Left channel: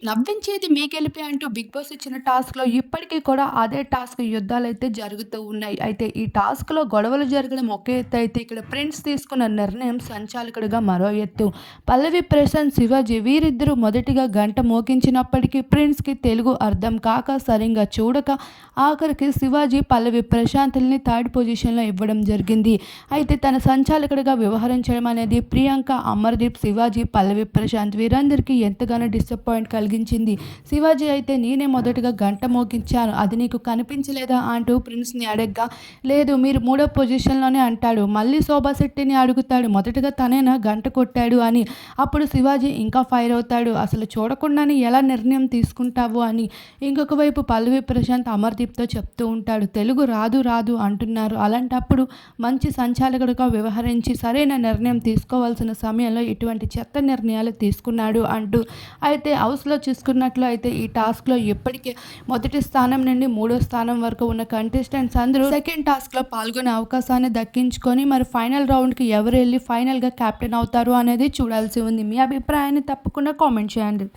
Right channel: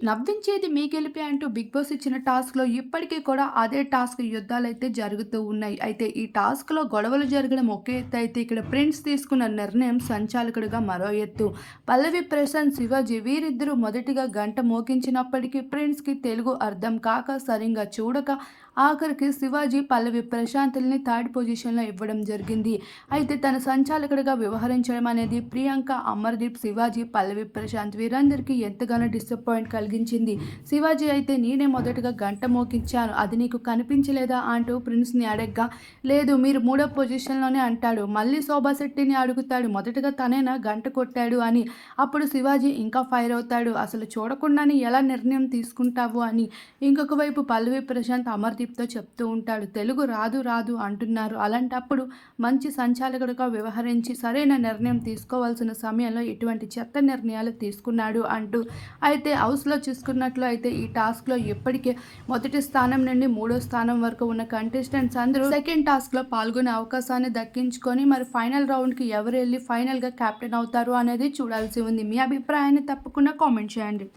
నవ్వించేది మీ గెలిపే అంటూ 'big boss' ఇచ్చిన టాస్క్‌లో ఇప్పటికి కూడా అదే టాస్క్ యుద్ధాలైతే జరుగుతూ ఉన్నాయి. అయితే ఈ టాస్క్‌లో గొడవలు జరగడం ఒక ఎత్తు అయితే ఇక్కడ ప్రిన్స్ తీసుకున్న నిర్ణయం సంచాలకుడిగా మరో ఎత్తు. పల్లవి ప్రశాంత్, శివాజీ వీరిద్దరూ మొదటిగా గంట మోగించినప్పటికీ ప్రిన్స్‌కి తెలుగు అర్థం కాక సరింగా చూడక ఆఖరికి శివాజీ పల్లవి ప్రశాంత్‌లని థర్డ్ పొజిషన్‌లో ఇవ్వడం జరిగింది. అయితే తన సంచాలకుడిగా వ్యవహరించడం అనేది ప్రియాంక, అమర్దీప్, శివాజీ, పల్లవి ప్రశాంత్ వీరందరికీ ఎంతగానో డిసప్పాయింట్ కలిగించింది. శివాజీ అయితే నేనే మొదటగా గంట మోగించాను. అది నీకు కనిపించలేదా అంటూ ప్రిన్స్‌ని అడగ్గా, లేదు మీరు మూడో పొజిషన్‌లోనే అంటాడు. మళ్ళీ శోభా శెట్టిని అడుగుతాడు. మొదటగా తనేనా గంట కొట్టాడు అని. అప్పుడు శివాజీ ఇంకా ఫైర్ అవుతాడు. అసలు చూడకుండానే ఎలా నిర్ణయం తీసుకుంటావు అని. ఇంకొక వైపు పల్లవి ప్రశాంత్ అమర్దీప్‌తో చెప్తూ ఉంటాడు. తెలుగు రాదు రాదు అంటున్నారు. అలాంటప్పుడు మంచి సంచాలకుడిగా వ్యవహరించి సరైన నిర్ణయం తీసుకోవాల్సిన సమయంలో ఇటువంటి చెత్త నిర్ణయాలు తీసుకున్నాడు అంటూ. అయితే హౌస్‌లో చూసుకున్నట్లు అయితే ఈ టాస్క్‌లో ఇప్పటికే మొదటి స్థానం నుండి మూడో స్థానం వరకు ఉన్న కంటెస్టెంట్స్ అందరూ సెకండ్ టాస్క్‌లో పాల్గొనే అవకాశాన్ని దక్కించుకొని మరి ఫైనల్ రౌండ్‌కి ఎవరు ఎళ్లి ఫైనల్‌గా కెప్టెన్ అవుతారు అనేది చూడాల్సి ఉంది. మీ అభిప్రాయాన్ని తప్పకుండా కామెంట్ చేయండి.